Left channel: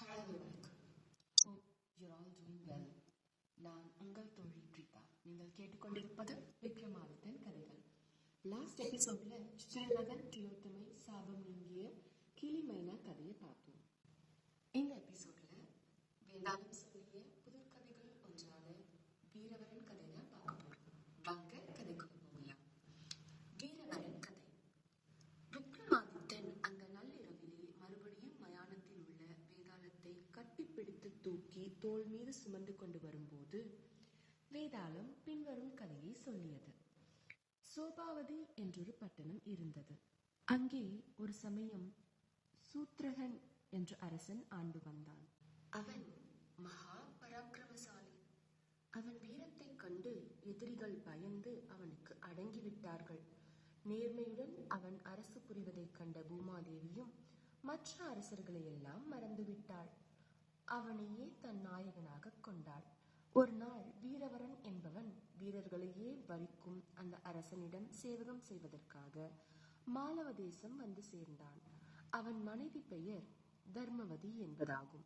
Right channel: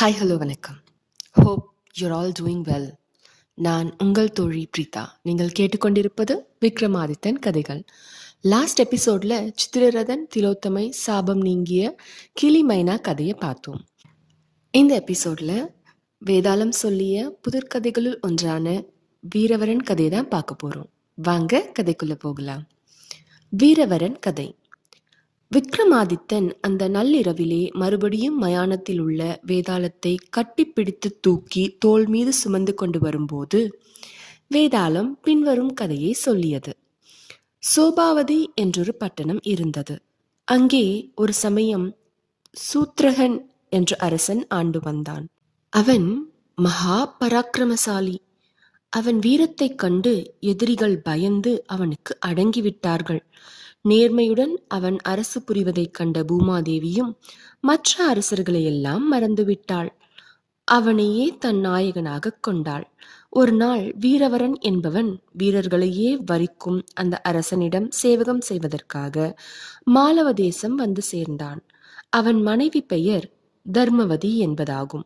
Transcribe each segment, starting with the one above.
Hi hello வணக்கம். Hope you're all doing well நான் உங்கள் தோழி பிரீதா. நீங்கள் கேட்டுக்கொண்டிருப்பது விக்ரமாதித்தன் கதைகள். லாஸ்ட் எபிசோடில் சித்திரரதன் திலோத்தமை சாபம் நீங்கிய கிளி மைனா கதையை பார்த்தோம். இந்த எபிசோடில் வேதாளம் சொல்லிய புதிர்கதைகளுள் ஒன்றான வீரவரன் கதையை தான் பார்க்க போகிறோம் வாங்க கதைக்குள்ளே போகலாம். வீரவரன் கதை. விக்ரமாதித்தன் அந்த நள்ளிரவிலே மறுபடியும் மயானத்தில் உள்ள வேதாளத்தை கட்டிப்பிடித்து தூக்கி தோள் மீது சுமந்து கொண்டு வரும்போது வேதாளம் பின்வரும் கதையை சொல்லியது. சோபாவதி என்றொரு பட்டணம் இருந்தது. அங்கே ஒரு சமயம் சூத்ரகன் என்ற அரசன் ஆண்டு வந்தான். அவன் மகா பராக்கிரமசாலி அவன் வீரத்தைக் கண்டு எதிரிகள் பயந்து அவனுக்கு அடங்கிவிட்டார்கள். நேர்மையுடன் அவன் அரசு புரிவதைக் கண்ட பூமாதேவியும் மற்ற அரசர்களையெல்லாம் மறந்துவிட்டாள். அவனையே தன் நாயகனாகக் கொண்டாள். ஒரு நாள் வீரவரன் என்பவன் வீரர்களையே வரிக்கும் அந்த அரசனிடம் சேவகம் செய்வதற்காக மாலவ தேசம் வந்து சேர்ந்தான். அவன் மனைவி பெயர் தர்மவதி என்பதாகும்.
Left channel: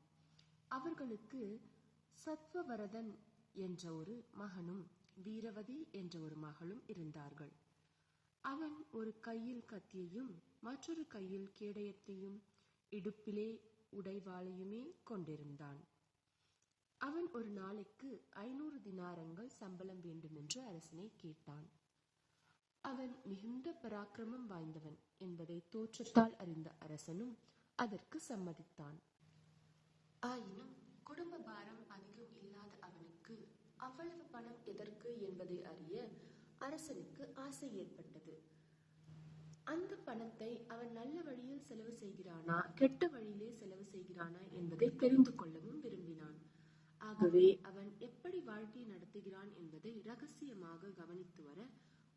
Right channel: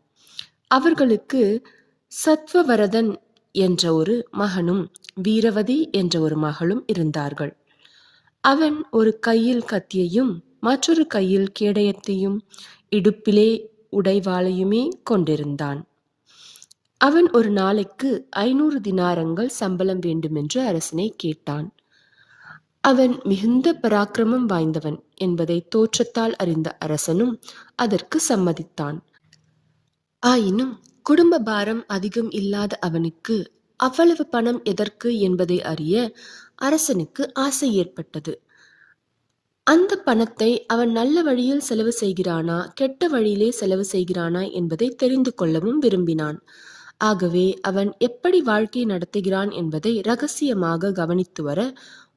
அவர்களுக்கு சத்வவரதன் என்ற ஒரு மகனும் வீரவதி என்ற ஒரு மகளும் இருந்தார்கள். அவன் ஒரு கையில் கத்தியையும் மற்றொரு கையில் கேடயத்தையும் இடுப்பிலே உடைவாளையுமே கொண்டிருந்தான். அவன் ஒரு நாளைக்கு ஐநூறு தினாரங்கள் சம்பளம் வேண்டுமென்று அரசனை கேட்டான். அவன் மிகுந்த பராக்கிரமம் வாய்ந்தவன் என்பதை தோற்றத்தால் அறிந்த அரசனும் அதற்கு சம்மதித்தான். ஆயினும் குடும்ப பாரம் அதிகம் இல்லாத அவனுக்கு அவ்வளவு பணம் எதற்கு என்பதை அறிய அரசனுக்கு ஆசை ஏற்பட்டது. அந்த பணத்தை அவன் நல்ல வழியில் செலவு செய்கிறானா கெட்ட வழியிலே செலவு செய்கிறானா என்பதை தெரிந்து கொள்ளவும் விரும்பினான். ஆகவே அவன் எப்படி வாழ்க்கை நடத்துகிறான் என்பதை ரகசியமாக கவனித்து வர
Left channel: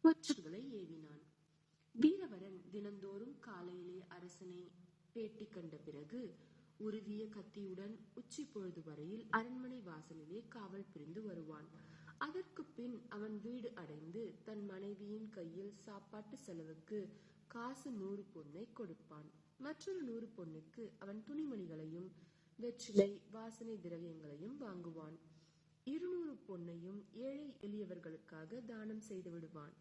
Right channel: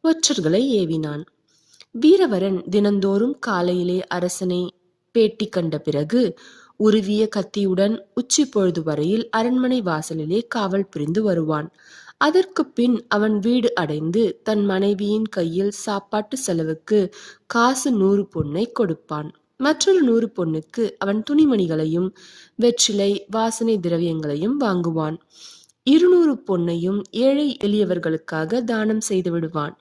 ஒற்றர்களை ஏவினான். வீரவரன் தினந்தோறும் காலையிலே அரசனை பேட்டி கண்ட பிறகு உருவிய கத்தியுடன் உச்சி பொழுது வரையில் அரண்மனை வாசலிலே காவல் புரிந்து வருவான். அதற்கு பின் அவன் வீடு அடைந்து தன் மனைவியின் கையில் சாப்பாட்டு செலவுக்கு காசு நூறு பொன்னை கொடுப்பான். மற்றொரு நூறு பொண்ணுக்கு அவன் துணிமணிகளையும் வெற்றிலை வாசனை திரவியங்களையும் வாங்குவான். இருநூறு பொன்னையும் ஏழை எளியவர்களுக்காக தானம் செய்து விடுவான்.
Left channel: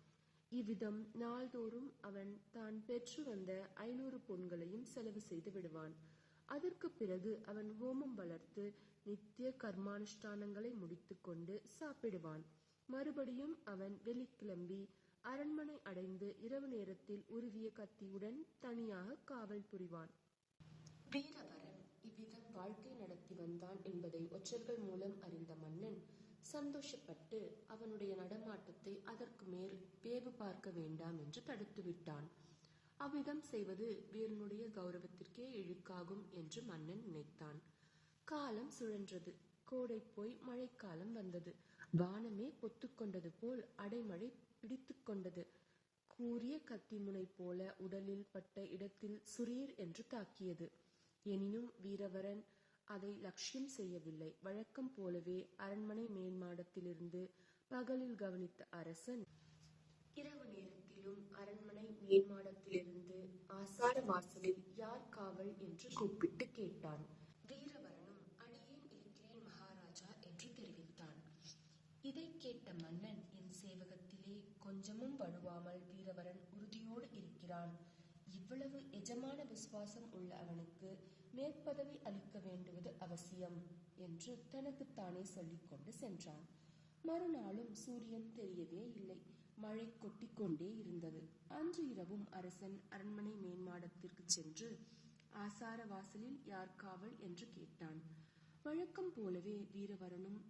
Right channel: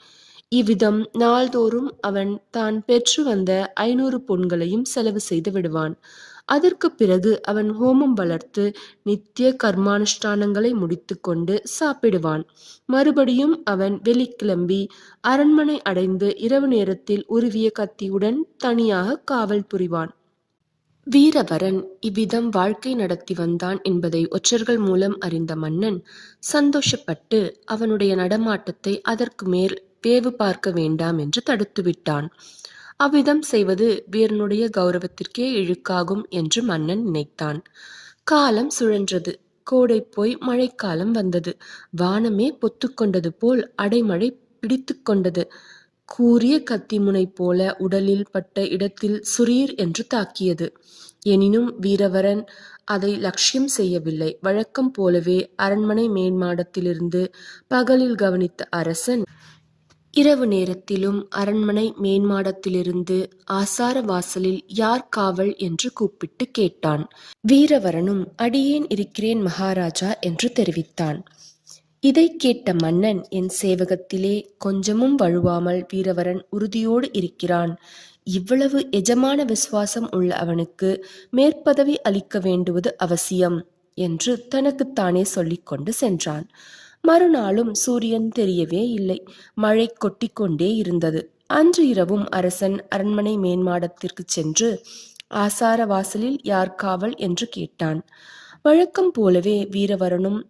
இவ்விதம் நாள்தோறும் அவன் தான் பெற்று வந்த ஐநூறு பொன்களையும் செலவு செய்து விடுவான். அதற்கு பிறகு அவன் ஹோமம் வளர்த்து நித்திய கர்மானுஷ்டானங்களை முடித்துக்கொண்டு சாப்பிடுவான். மறுபடியும் அவன் வெளிக்கிளம்பி அரண்மனை அடைந்து இரவு நேரத்தில் உருவிய கத்தியுடன் தனியாக காவல் புரிவான். வீரவரன் இவ்விதம் வாழ்க்கை நடத்தி வந்தான் என்பதை ஒற்றர்கள் மூலம் அறிந்த மன்னன் சந்தோஷப்பட்டு அவனுடைய நடமாட்டத்தை அதற்கு மேல் வேவு பார்க்க வேண்டாம் என்று தடுத்துவிட்டான். அவ்விதம் செய்வது வீரனுடைய கௌரவத்திற்கே இழுக்காகும் என்று மன்னன் நினைத்தான். காலம் சுழன்றது. கோடை போய் மழைக்காலம் வந்தது. வானமே பொத்துக்கொண்டது போல் அடைமழை பிடித்து கொண்டது. கூரிய கத்திமுனை போல உடலில் பட்ட இடத்தில் சுரீர் என்று தாக்கியது. எனினும் வீரவரன் அதை லட்சியம் செய்யவில்லை. வழக்கம் போலவே அரண்மனை மேன்மாடத்திலிருந்து பகலில் கவனித்த அரசன் இரவு நேரத்திலும் அரண்மனை மேன்மாடத்திலிருந்து ஆசார வாசலில் யார் காவல் என்று கூப்பிட்டு கேட்டான். வீரவரனும் அடியேன் இருக்கிறேன் மகாராஜா என்று தெரிவித்தான். இதை கேட்ட மன்னன் என் சேவகத்திலே கொஞ்சமும் வழுவாமல் வீரவரன் உறுதியோடு இருக்கிறான். இவ்வளவு எஜமான விசுவாசம் உள்ள அவனுக்கு மேற்பதவி அளிக்க வேண்டுவது அவசியம் என்று தனக்குத்தானே சொல்லிக்கொண்டு சென்றான். மறுநாளும் சூரியன் தெரியவே இல்லை. மழை கொட்டிக்கொண்டே இருந்தது. அன்று இரவும் அரசன் அரண்மனை மேன்மாடத்திற்கு சென்று ஆசார வாசலில் யார் காவல் என்று கேட்டான். வழக்கம் போலவே வீரவரனும்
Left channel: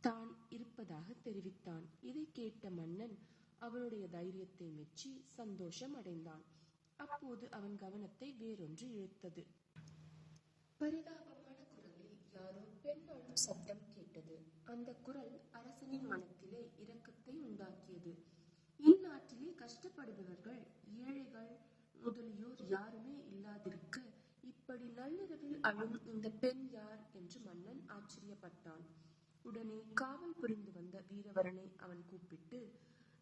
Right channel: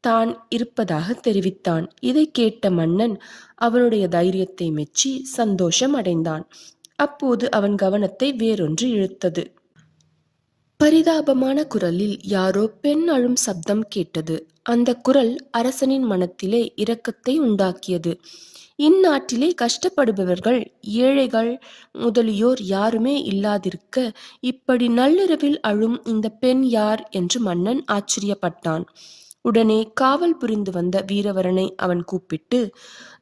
தான் இருப்பதாக தெரிவித்தான். இதை கேட்ட மன்னன் அவனுடைய தைரியத்தை மெச்சி சந்தோஷம் அடைந்தான். அப்போது அவன் கவனத்தை வேறொன்று இழுத்தது. பரிதாபமான குரலில் யாரோ பெண் அழும் சப்தம் கேட்டது. அந்த குரல் அரசனின் மனத்திலே இரக்கத்தை உண்டாக்கியது. இந்நாட்டிலே கஷ்டப்படுபவர்கள் ஏழைகள் முதலியோர் யாருமே இல்லாதிருக்க இப்படி நள்ளிரவில் அழும் இந்த பெண் யார்? என்று மன்னன் ஆச்சரியப்பட்டான். உடனே காவல் புரிந்து வந்த வீரவரனை அவன் கூப்பிட்டு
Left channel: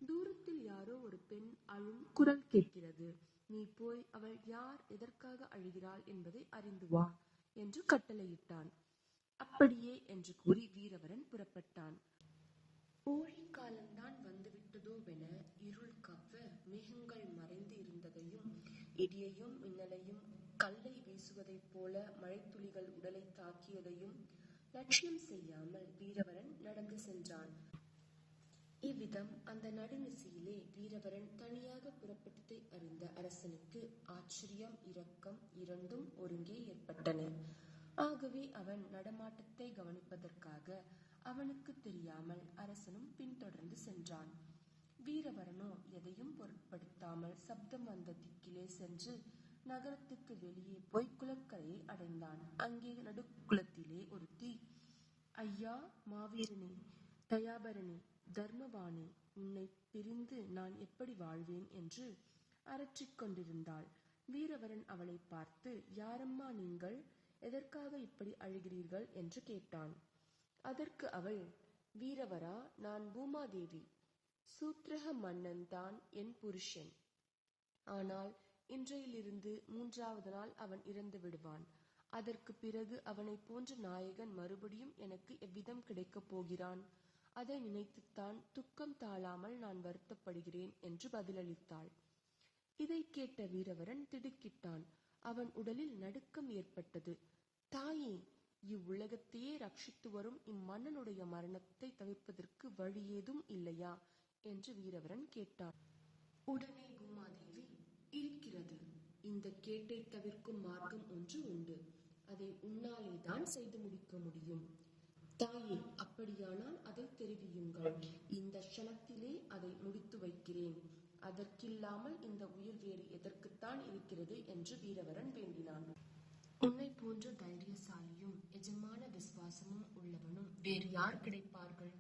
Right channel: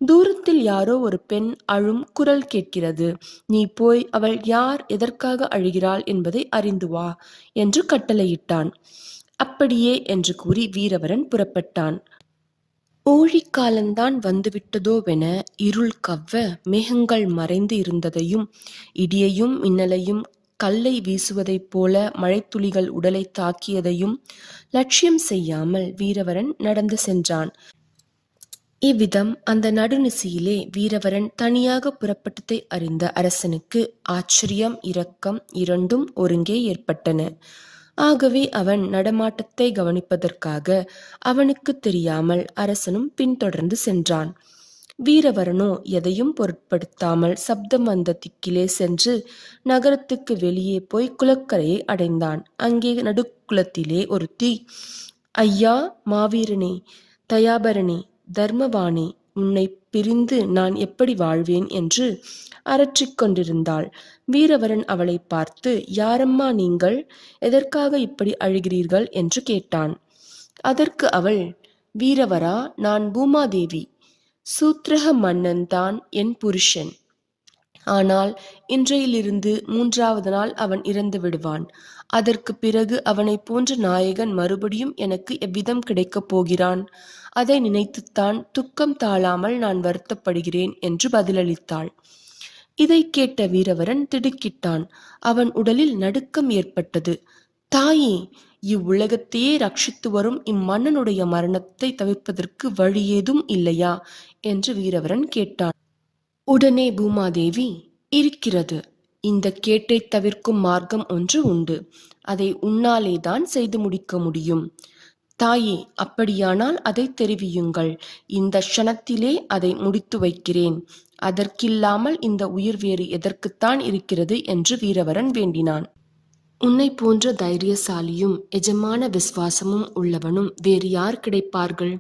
தூரத்தில் யாரோ ஒரு பெண் அழும் குரல் கேட்கிறது. நீ போய் அவள் யார் எதற்காக அழுகிறாள் என்பதை அறிந்து வா என்று கட்டளையிட்டான். அப்படியே என்று கூறி வீரவரன் புறப்பட்டான். ஓழிக்காலந்தான் வந்துவிட்டதோவென இருள் கவ்வ மேகங்கள் மறைந்து இருந்ததையும் இடியையும் மின்னலையும் கல்லை வீசுவதைப் போல மழைத்துளிகள் உடலை தாக்கியதையும் லட்சியம் செய்யாமல் வீரவரன் நடந்து சென்றான். இவ்விதம் அந்த நடுநிசியிலே வீரவரன் தனியாக புறப்பட்டதை அறிந்த அரசனுக்கு ஆச்சரியம் இரக்கம் இரண்டும் ஒருங்கே ஏற்பட்டன. ஆகவே அவன் நடமாட்டத்தை கவனிப்பதற்காக அவனுக்கு தெரியாமல் அரசனும் பின்தொடர்ந்து சென்றான். வீரவரனோ எதையும் பொருட்படுத்தாமல் சப்தம் வந்த திக்கிலே சென்று நகரத்துக்கு வெளியே போய் குளக்கரையை அடைந்தான். அங்கே நடுக்குளத்திலே ஒருத்தி ஐயா மாவீரனே தயாபரனே தர்மவானே உன்னை பிரிந்து நான் எப்படி வாழ்வேன் என்று அரற்றிக் கொண்டிருந்தாள். வீரவரன் அவளை பார்த்து யாரம்மா நீங்கள்? எதற்காக இப்படி அழுகிறீர்கள்? என்று கேட்டான். அதற்கு அவள் வீரவரா நான் பூமாதேவி. சூத்ரக மன்னன் தான் என் புருஷன். ஆனால் இன்றையிலிருந்து மூன்றாவது நாள் அவன் இறந்து விடுவான். அதற்கு பிறகு அவனைப் போன்ற நாயகன் மறுபடியும் எனக்கு எவ்விதம் கிடைக்கப் போகிறான்? அதை நினைத்துத்தான் துக்கம் தாழாமல் நான் வருத்தப்படுகிறேன் என்று பதிலளித்தாள். இதை கேட்ட வீரவரன் திடுக்கிட்டான். அவன் உடலில் நடுக்கம் ஏற்பட்டது. தாயே இவ்வுலகத்தையே ரட்சித்து வரும் இம்மன்னனுடைய மரணத்தை தவிர்ப்பதற்கு வழி ஏதும் இல்லையா? என்று வீரவரன் கேட்டான். உடனே பூமாதேவி இருக்கிறது. இந்த கேட்டை தவிர்க்கும் மார்க்கம் ஒன்று உண்டு. அதை உன்னாலே தான் செய்து முடிக்க முடியும். தாயே அப்படியானால் அதை தெரிவியுங்கள். இந்த க்ஷணத்திலே அதை முடித்து வைக்கிறேன். அதற்கில்லாமல் இந்த உயிர் வேறு எதற்குத்தான் இருக்கிறது என்று வீரவரன் வேண்டினான். உன்னை போன்ற தைரியசாலியும் எஜமான விசுவாசமும் உள்ளவனும் வேறு யார் கிடைப்பார்கள்?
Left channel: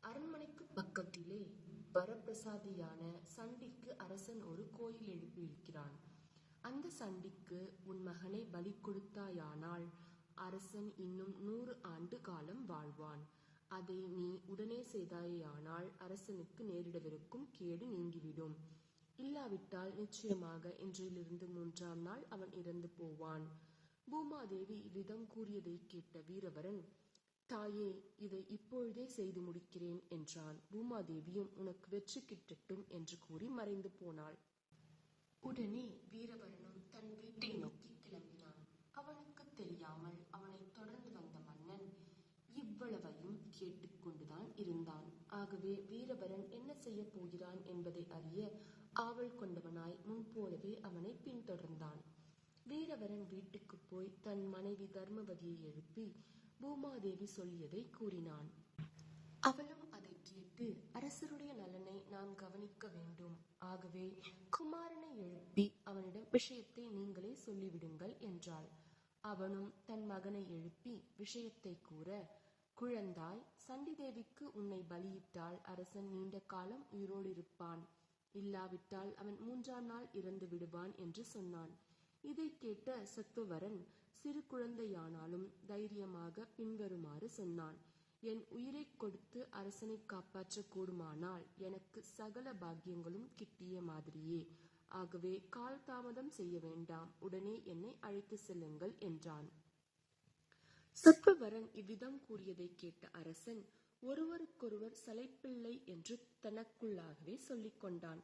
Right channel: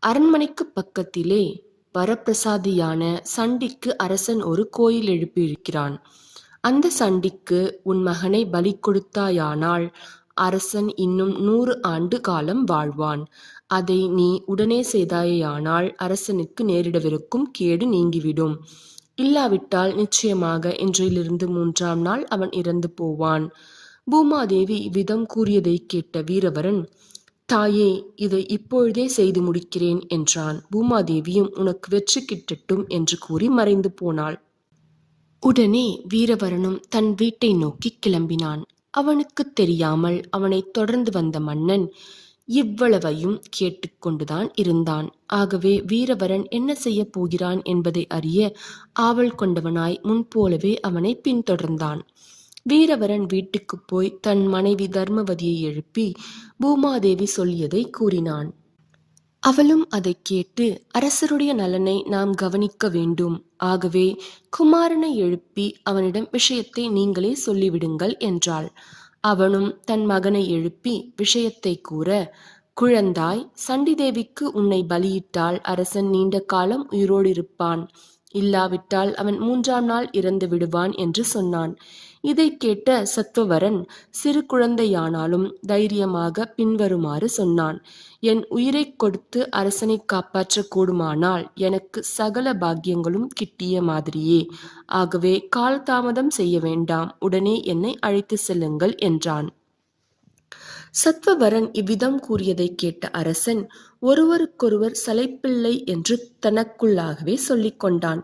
அரண்மனைக்கு பக்கத்திலே வரப்பிரசாதியான சண்டிக்கு அரசன் ஒரு கோயில் எழுப்பியிருக்கிறான். அந்த சண்டிக்கு உன் மகனை பலி கொடுத்தாயானால் அரசன் இன்னும் நூறு ஆண்டு காலம் வாழ்வான். அதை நீ உடனே செய்தாயானால் அரசனுக்கு நேரிடவிருக்கும் கேடு நீங்கிவிடும். இல்லாவிட்டால் நிச்சயமாக இன்றையிலிருந்து மூன்றாம் நாள் அவன் இறந்து போவான். பூமாதேவி இவ்விதம் கூறியதை கேட்ட வீரவரன் தாயே இதை இப்பொழுதே செய்து முடிக்கிறேன் என்றான். பூமாதேவியும் உனக்கு வெற்றி கிட்டட்டும் என்று கூறி மறைந்து போனாள். உடனே வீரவரனும் தன் வீட்டை நோக்கி கிளம்பினான். அவனுக்கு தெரியாமல் அவனை தொடர்ந்து வந்த மன்னன் இவ்வளவையும் கேட்டுக்கொண்டுதான் இருந்தான். ஆகவே வீரவரன் என்ன செய்யப் போகிறான் என்பதை அறிய ஆவல் கொண்டவனாய் முன்போலவே அவனை பின்தொடர்ந்தான். வீரவரன் வீட்டுக்குப் போய் தன் மனைவி தர்மவதியை எழுப்பி பூமாதேவி சொல்லியதை கூறினான். அவளும் அதை கேட்டு அரசருடைய நலனை நாம் கவனிக்க வேண்டும். ஆகவே குமாரனை எழுப்பி அவனிடம் விஷயத்தை நீங்களே சொல்லிவிடுங்கள் என்றாள். அவனும் தன் மகனை எழுப்பி விஷயத்தை கூற குழந்தாய் சண்டிதேவிக்கு உன்னை பலியிட்டால் அரசன் நீண்ட காலம் உயிரோடு இருப்பான் இல்லாவிட்டால் அவன் மூன்றாம் நாள் இறந்து விடுவான் என்று சொன்னான். இதை கேட்ட சத்துவரன் சிறு குழந்தையானாலும் தைரியமாக பின்வருமாறு சொன்னான். என் உயிரை கொடுத்து அரசனை காப்பாற்ற கூடுமானால் எனக்கு சகல பாக்கியங்களும் கிட்டிய மாதிரியே. ஆகவே கால் தாமதம் செய்ய வேண்டாம். உடனே என்னை அழைத்து செல்லுங்கள் என்றான். சத்வவரன் இவ்விதம் கூறியதை கேட்ட அரசன் ஒருவருக்கொருவர் சலைப்பிள்ளை என்று தனக்குள்ளாகவே சொல்லிக் கொண்டான்.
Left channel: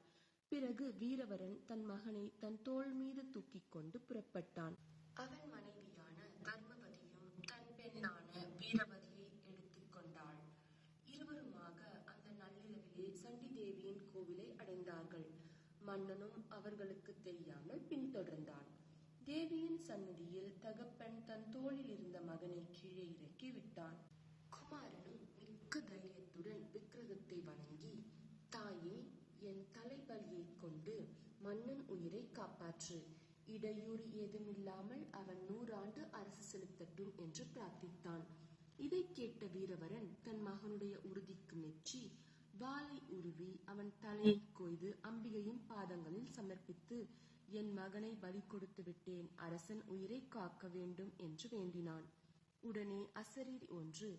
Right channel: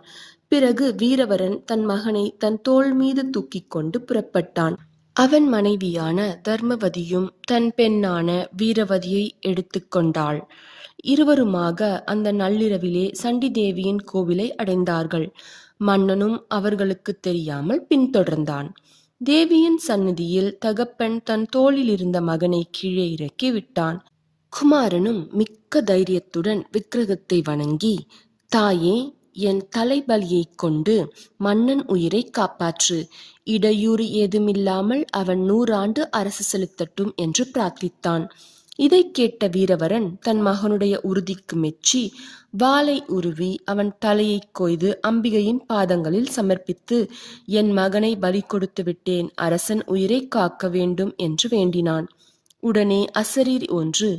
பிறகு வீரவரன் தன் மகனை தன் தோள் மீது தூக்கிக் கொண்டு புறப்பட்டான். அவன் மனைவியான தர்மவதியும் தன் பெண்ணான வீரவதியை எடுத்துக்கொண்டாள் இருவருமாக அந்த நள்ளிரவிலே சண்டி தேவியின் கோவிலை அடைந்தார்கள். மன்னனும் அவர்களுக்கு தெரியாமல் பின்தொடர்ந்தான். தேவியின் சந்நிதியில் தகப்பன் தன் தோளில் இருந்த மகனை கீழே இறக்கி விட்டான். குமாரனும் மிக்க தைரியத்துடன் விக்கிரகத்தை வணங்கி தாயே என் தலைபலியைக் கொண்டு மன்னன் உயிரை காப்பாற்று. இடையூறு ஏதுமில்லாமல் அவன் நூறாண்டு அரசு செலுத்தட்டும் என்று பிரார்த்தித்தான். இதை கேட்ட வீரவரன் தன் மகனுடைய உறுதிக்கு மெச்சி வாளை உருவி அவன் தலையை கொய்து அம்பிகையின் பாதங்களில் சமர்ப்பித்து என் மகனை பலி கொடுத்து விட்டேன் அரசன் உயிரை காக்க வேண்டும் என்று வேண்டினான். உடனே அசரீரி ஒன்று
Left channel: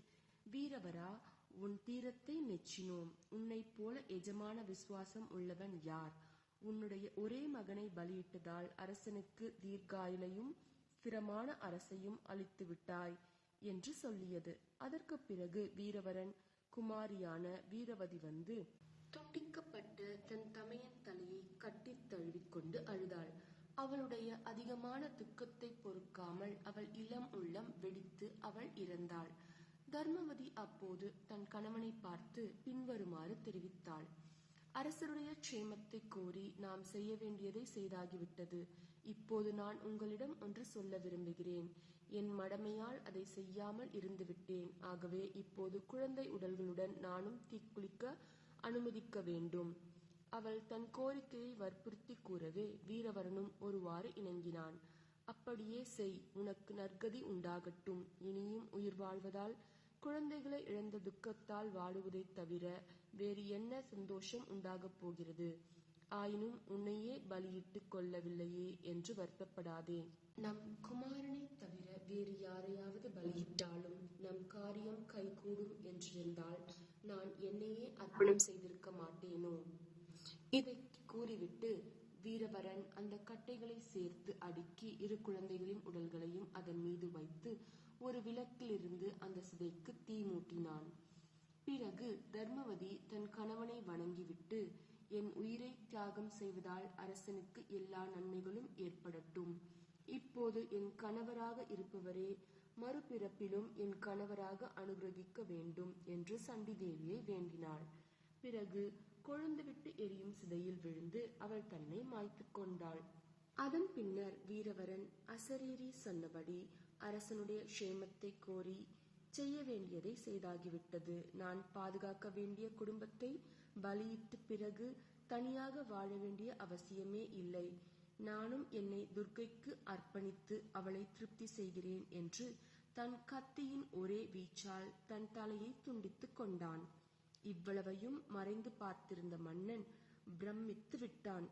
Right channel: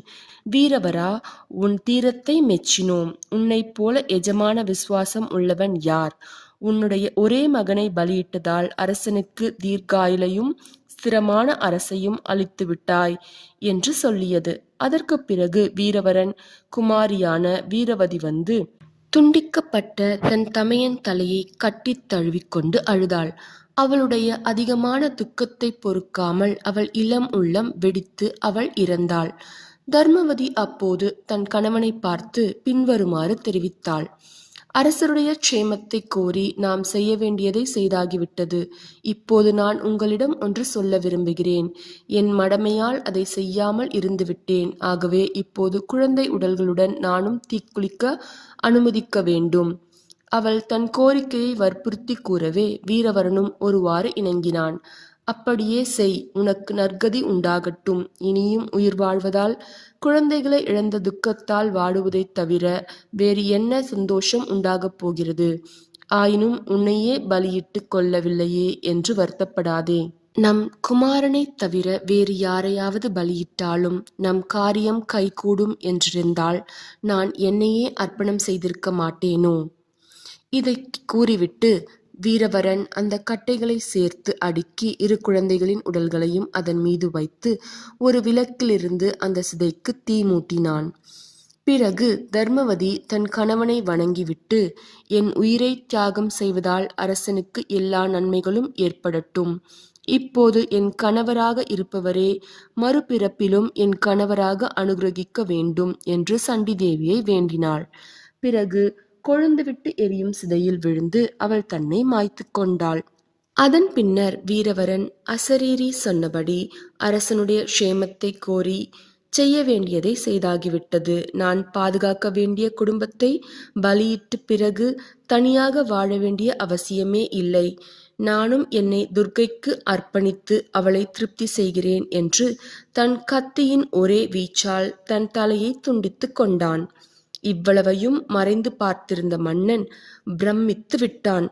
வீரவரா உன் தீரத்தை மெச்சினோம். உன்னைப் போல எஜமான விசுவாசம் உள்ளவன் யார்? உன்னுடைய ஒரே மகனை பலியிட்டதால் அரசனுக்கு தீர்க்காயிலையும் ஸ்திரமான அரசையும் அளித்து விட்டாய் என்று சொல்லியது. அதற்கு பிறகு வீரவரன் குமாரியான வீரவதி வந்து துண்டிக்கப்பட்ட தன் தமையன் தலையை கட்டித் தழுவிக்கொண்டு அழுதாள். அவளுடைய அதிகமான துக்கத்தை பொறுக்காமல் அவள் இளம் உள்ளம் வெடித்து அவள் இறந்தாள். தர்மவதி அப்போது தன் கணவனை பார்த்து பின்வருமாறு தெரிவித்தாள். அரசருடைய க்ஷேமத்தை கோரி நாம் செய்ய வேண்டியதை செய்தாகிவிட்டது. இப்போது நான் உங்களிடம் ஒன்று சொல்ல விரும்புகிறேன். என் மடமையால் அதை செய்யாமல் இருந்துவிட்டேன். ஆகவே இப்போது குழந்தை உடல்களுடன் நானும் தீக்குளிக்க அனுமதிக்க வேண்டும். அவள் தன் கோரிக்கையை வற்புறுத்தி கூறவே வீரவரனும் ஒருவாறு இணங்கினான். அப்படியே செய் உனக்கு நற்கதி உண்டாகட்டும். இனியும் உயிர் வாழ்வதால் குழந்தைகளை இழந்த துக்கத்தால் வாடுவதைத் தவிர வேறு என்ன சந்தோஷம் உண்டாகப் போகிறது? ஆயினும் உன்னையே பலியிட்டு கொள்ளவில்லையே என்று வருத்தப்படாதே. நம் குமாரனைத் தவிர வேறு யாரையாவது பலியிட்டாலும் நம் காரியம் கைகூடும் என்றிருந்தால் நான் என்னையே அர்ப்பணம் செய்திருக்க மாட்டேனோ? இதை கூறிவிட்டு வீரவரன் அந்த கட்டைகளை சேர்த்து அடுக்கி இரு குழந்தைகளின் உடல்களையும் அதன் மீது வைத்து ஒரு விளக்கிலிருந்து அந்த சிதைக்கு தீ மூட்டினான். பிறகு தர்மவதி தன் கணவனை வணங்கிவிட்டு என் உயிரை தியாகம் செய்வதால் அரசனுக்கு எல்லா நன்மைகளும் ஏற்படட்டும். இப்போது என் கணவராக இருப்பவரே மறுபிறப்பிலும் என் கணவராக அனுகிரகிக்க வேண்டும் என்று சண்டி தேவியை வேண்டினாள். பிறகு கொழுந்துவிட்டு எரியும் சிதையில் விழுந்து அவள் தன்னை மாய்த்து கொண்டாள். அதன் பின்னர் வீரவரன் அசரீரி சொன்னபடி அரசனுடைய க்ஷேமத்தை கோரி செய்ய வேண்டியதை செய்தாகிவிட்டது. நான் பாதுகாக்க வேண்டிய குடும்பத்தை பலியிட்டு பிறகு தனியாக வாழ வேண்டிய அவசியமே இல்லை. நானும் என்னை துர்க்கைக்கு அர்ப்பணித்து அவளை திருப்தி செய்கிறேன் என்று தன் கத்தியின் ஒரே வீச்சால் தன் தலையை துண்டித்து கொண்டான். இவ்வளவையும் மறைந்து பார்த்திருந்த மன்னன் பிரமித்து விட்டான்.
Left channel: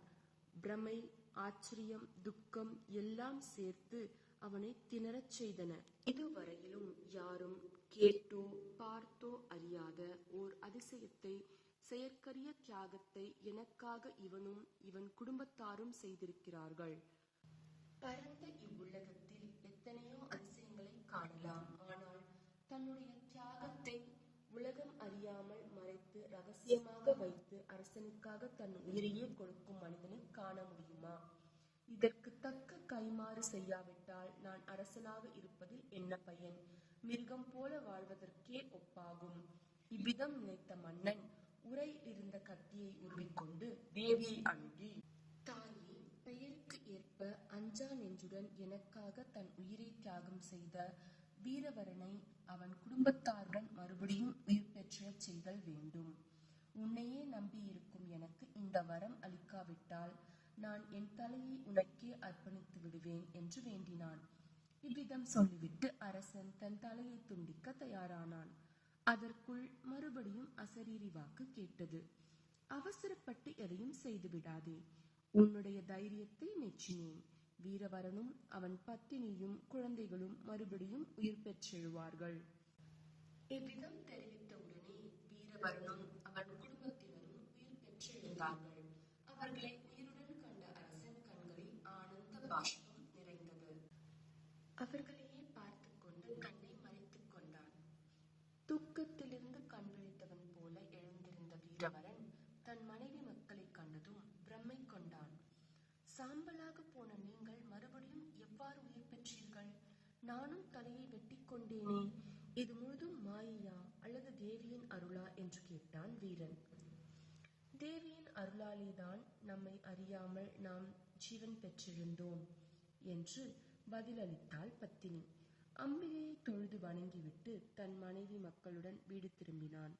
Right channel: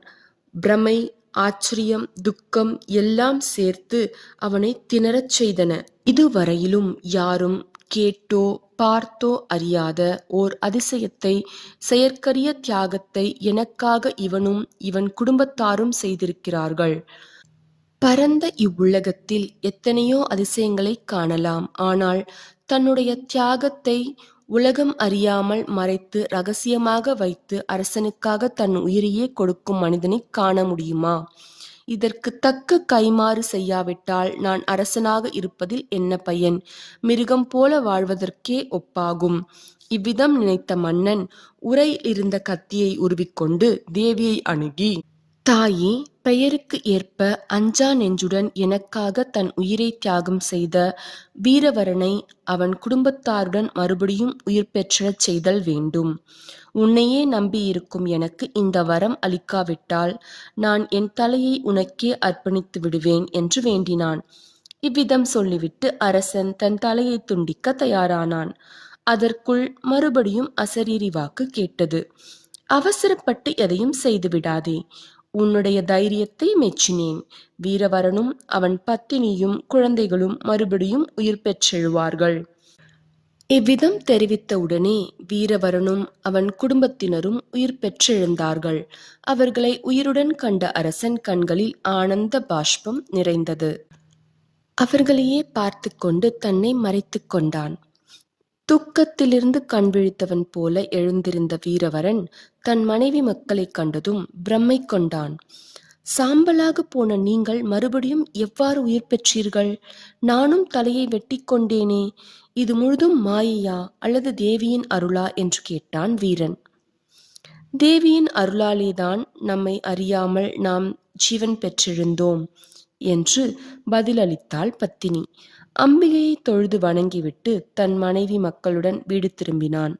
பிரமை ஆச்சரியம் துக்கம் எல்லாம் சேர்த்து அவனை திணறச் செய்தன. இதுவரையிலும் யாரும் கேட்டோ பார்த்தோ அறியாத ஓர் அதிசயத்தை செயற்கரிய தியாகத்தை எனக்காக இவனும் இவன் குடும்பத்தாரும் செய்திருக்கிறார்கள். பரந்த இவ்வுலகத்தில் எத்தனையோ அதிசயங்களை காணலாம். ஆனால் தன்னுடைய தியாகத்தை உலகம் அறியாமல் மறைத்து ரகசியமாக வைத்து அரசனுக்காக தன் உயிரையே கொடுக்கும் மனிதனை காண முடியுமா? இதற்கு தக்க கைமாறு செய்யாவிட்டால் நான் அரசனாக இருப்பதில் என்ன பயன்? மிருகம் போல வாழ்வதற்கே ஒப்பாகும். இவ்விதம் நினைத்த மன்னன் உரையில் இருந்த கத்தியை உருவிக்கொண்டு தேவியை அணுகி தாயே பெயருக்கு ஏற்ப அஞ்சா நெஞ்சுடன் எனக்காக தன் உயிரை தியாகம் செய்த வீரவரனை அவன் குடும்பத்தாருடன் மறுபடியும் உயிர் பெற்றச் செய்தல் வேண்டும். உன்னையே நம்பியிருக்கும் எனக்கு இந்த வரம் அளிக்காவிட்டால் நான் என் தலையை உனக்கே அர்ப்பணித்து விடுவேன் என்று வேண்டினான். இவ்விதம் சொல்லிவிட்டு அரசன் தன் தலையை துண்டிக்க தயாரானான். அதற்குள் மறுபடியும் அசரீரி வாக்கு கேட்டது. அவசரப்பட்டு எதையும் செய்துவிடாதே. உன்னுடைய தைரியத்தை மெச்சினேன். வீரவரனும் அவன் பத்தினியும் குழந்தைகளும் மறுபடியும் உயிர் பெற்றெழுவார்கள். இவ்விதம் தெரிவித்தவுடனே வீரவரனும் அவன் குடும்பத்தினரும் உயிர் பெற்றெழுந்தார்கள். அவர்களை உயிருடன் கண்ட அரசன் கண்களில் ஆனந்த பாஷ்பம் நிறைந்தது. அவர்களையே பார்த்து கொண்டு தன்னை மறைத்து கொண்டான். துக்கத்திலிருந்து கண் விழித்தவன் போல எழுந்திருந்த வீரவரன் தன் மனைவி மக்களைக் கண்டதும் பிரம்மை கொண்டான். சாம்பலாக போன நீங்கள் மறுபடியும் எவ்வாறு உயிர் பெற்றீர்கள்? நானும் தலையை வெட்டி கொண்டேனே. இது முழுதும் மாயையா அல்லது தேவியின் அருளா? என்று கேட்டான் வீரன். தேவியின் அருளாலேதான் நம்மை அறியாமல் நாம் ஜீவன் பெற்றிருந்தோம் என்று பதிலளித்தாள் பத்தினி. அம்பிகையை தொழுது வணங்கிவிட்டு தன் மனைவி மக்களுடன் வீடு திரும்பினான்.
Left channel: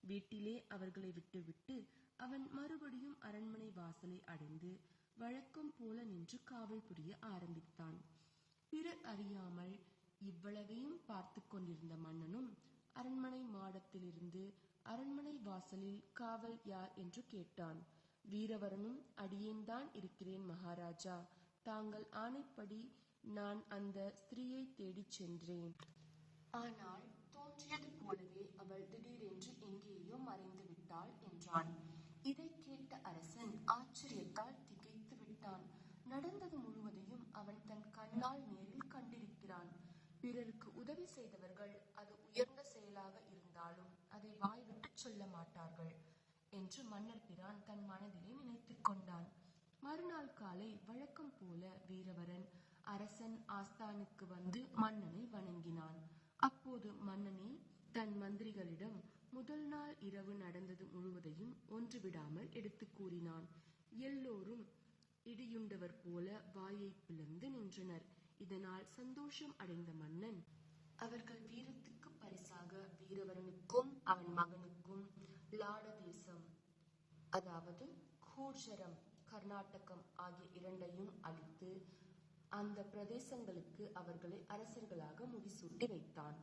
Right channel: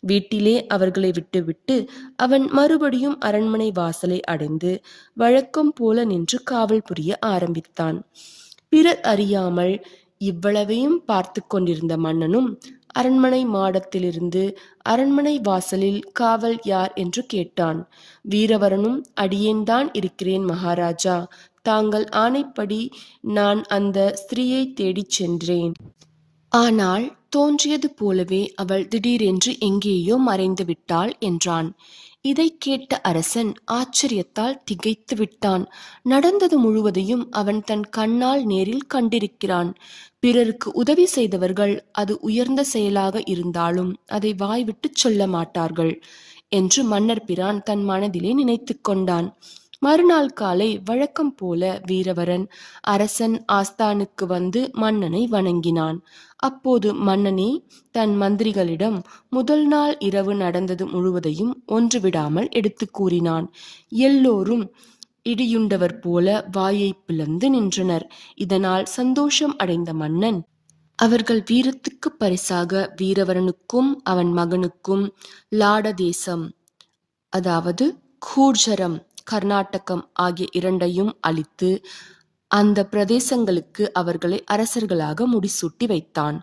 வீட்டிலே அவர்களை விட்டுவிட்டு அவன் மறுபடியும் அரண்மனை வாசலை அடைந்து வழக்கம் போல நின்று காவல் புரிய ஆரம்பித்தான். பிறர் அறியாமல் இவ்வளவையும் பார்த்து கொண்டிருந்த மன்னனும் அரண்மனை மாடத்திலிருந்து அரண்மனை வாசலில் காவல் யார் என்று கேட்டான். வீரவரனும் அடியேன்தான் இருக்கிறேன் மகாராஜா தாங்கள் ஆணைப்படி நான் அந்த ஸ்திரீயை தேடிச் சென்றேன். ஆனால் தோன்றியது போலவே அவள் திடீரென்று எங்கேயோ மறைந்து விட்டாள் என்றான். இதைக் கேட்ட அரசன் ஆச்சரியத்தால் திகைத்து விட்டான். நடந்தது முழுவதையும் அவன் தன் கண்ணால் நேரில் கண்டிருக்கிறான். பிறருக்கு உதவி செய்தவர்கள் அது உயர்ந்த செயலாக இருந்தாலும் அதை வாய்விட்டு சொல்ல மாட்டார்கள் என்று மன்னர் பிரான் தன் மனதிலே நினைத்து கொண்டான். மறுநாள் காலை வழக்கம் போல வீரவரன் அரசன் ஆஸ்தானுக்கு வந்து மன்னனை வணங்கினான். அப்போது மன்னனே தன் மந்திரிகளிடம் முதல் நாள் இரவு நடந்தது முழுவதையும் ஒன்று விடாமல் எடுத்து கூறினான். எல்லோரும் இடியுண்டவர் போல வாயை பிளந்து நின்றனர். இதனால் சந்தோஷம் அடைந்த மன்னன் அவர்கள் வீரத்துக்கு பரிசாக வீரவரனுக்கும் அவன் மகனுக்கும் லாடதேசம் அதாவது கூர்ஜரம் கர்நாடகம் ஆகிய இரண்டையும் அளித்து அந்த பிரதேசங்களுக்கு அவர்களை அரசர்களாக முடிசூட்டி வைத்தான்.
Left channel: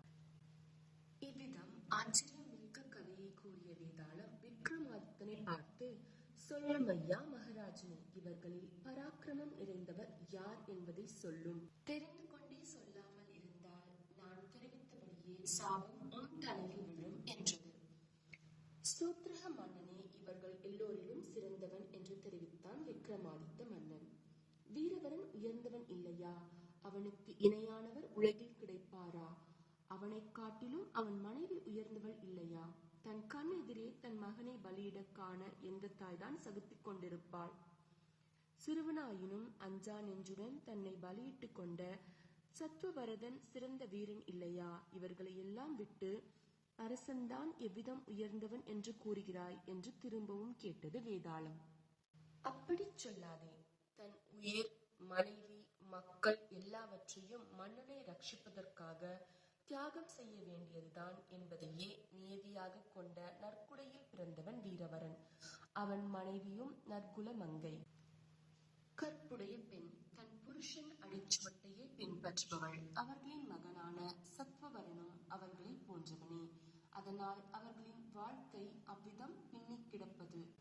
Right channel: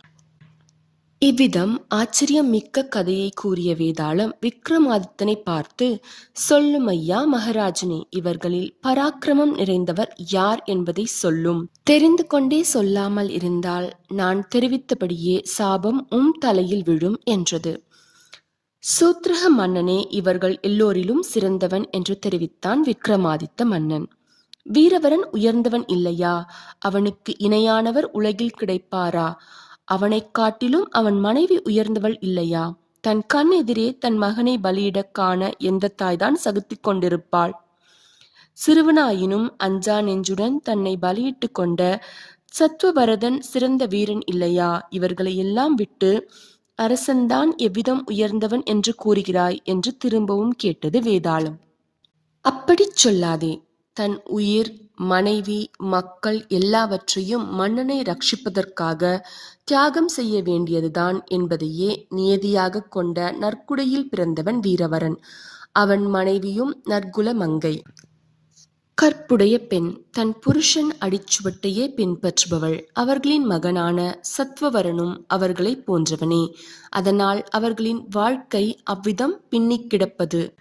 இவ்விதம் ஆச்சரியம் மிக்க கதையை கூறிய வேதாளம் விக்ரமாதித்தனை பார்த்து சொல்லும் ஐயா மகாராஜனே இவர்களில் பராக்கிரமம் நிறைந்தவர் யார் என்பதை சொல்லும். தெரிந்து கொண்டே சொல்லாமல் இருந்தால் நான் தெரிவித்தபடியே சாபம் உம் தலையில் விழும் என்றது. சூத்ரக மன்னனே இவர்கள் எல்லோரிலும் சிறந்தவன் என்று தெரிவித்தான் விக்ரமாதித்த மன்னன். வீரவரன் உயர்ந்தவன் இல்லையா? அவனுக்கு இணையானவர் உலகில் கிடைப்பாரா? அவனைக் காட்டிலும் அவன் மனைவி உயர்ந்தவள் இல்லையா? தன் கண் எதிரே தன் மகனை பலியிடக் காண எந்த தாய்தான் சகித்துக் கொண்டிருப்பாள்? சிறுவனாயினும் அஞ்சா நெஞ்சுடன் தன்னை பலியிட்டு கொண்ட சத்வபரதன் சிறந்த வீரன் இல்லையா? இவர்களை எல்லாம் விட்டு அரசன்தான் எவ்விதம் உயர்ந்தவன் என்று கூறுகிறாய்? என்று திரும்பவும் கேட்டது வேதாளம். அப்படிச் சொல்லாதே. தன் உயிர் மனைவி மக்கள் எல்லாவற்றையும் மன்னனை ரட்சிப்பதற்காக தியாகம் செய்ய வேண்டியதுதான் என்பதையே நியதியாக கொண்ட நற்குடையில் பிறந்தவன் வீரவரன். அவன் மனைவியும் நற்குல மங்கை. கற்புடைய பெண் தன் புருஷன் அடிச்சுவட்டையே பின்பற்றுபவள். அவர்களின் மகனான சத்வவரனும் அவர்களை போன்றவனே. அதனால் அவர்களின் வாழ்க்கை அவ்விதம் பின்னிக் கிடப்பது.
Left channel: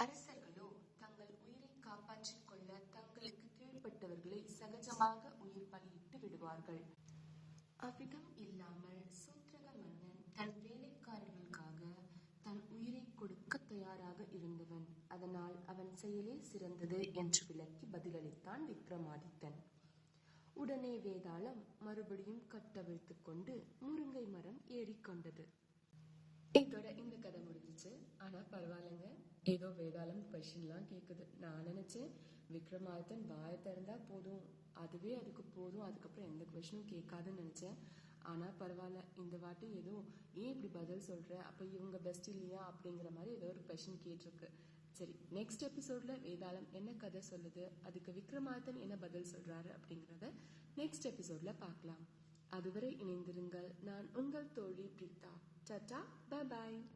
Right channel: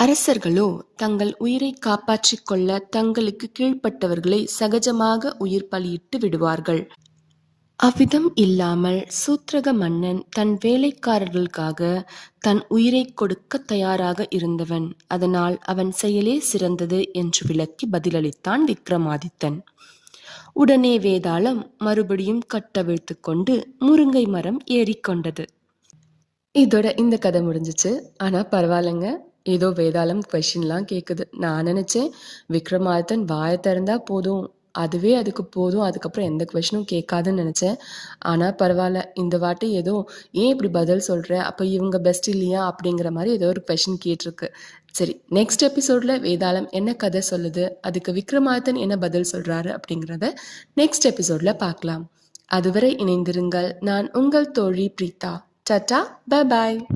அரசர்களோ தங்கள் உயிரை காப்பாற்றிக் கொள்ள தங்களுக்கு கீழ்ப்பட்டவர்களை சகஜமாக உயிர் பலியிட்டு விடுவார்கள். அவ்விதம் இல்லாமல் சூத்ரக மன்னன் தன் வேலைக்காரர்களுக்காக தன் உயிரை கொடுக்க தயாராக இருந்தவன். அதனால் அவன் செயலே சிறந்தது என்று விளக்கி பதிலளித்தான் விக்ரமாதித்தன். உடனே வேதாளம் மறுபடியும் கட்டவிழ்த்து கொண்டு முருங்கை மரம் ஏறிக்கொண்டது இதோட இந்த கதை முடிஞ்சிச்சு. ஆனால் பரவாயில்லைங்க. ஏதோ வேதாளம் கொஷின்லாம் கேட்குது நான் நினச்சேன் விக்ரமாதித்தன் வாயை திறந்தா போதும். அதுவே அதுக்கு போதும். அதுக்கப்புறம் எந்த கொஷனும் கேட்காதுன்னு நினச்சேன். ஆனால் பரவாயில்ல. இந்த வாட்டி ஏதோ ஏன் இப்படி பதில் சொல்கிற அப்போ இவங்க பெஸ்ட் இல்லையா? அப்படிங்கிற மாதிரி ஏதோ ஒரு கொஷின் கேட்டிருக்கு. சரி நெக்ஸ்ட் எபிசோடில் வேதாளம் என்ன கதை சொல்லுது? அதுக்கு விக்ரமாதித்தன் என்ன பதில் சொல்கிறாரு அப்படிங்கிறத நெக்ஸ்ட் எபிசோடில் பார்க்கலாம். அதுவரை இணைந்திருங்கள். நான் உங்கள் தோழி பிரீதா டாட்டா பாய்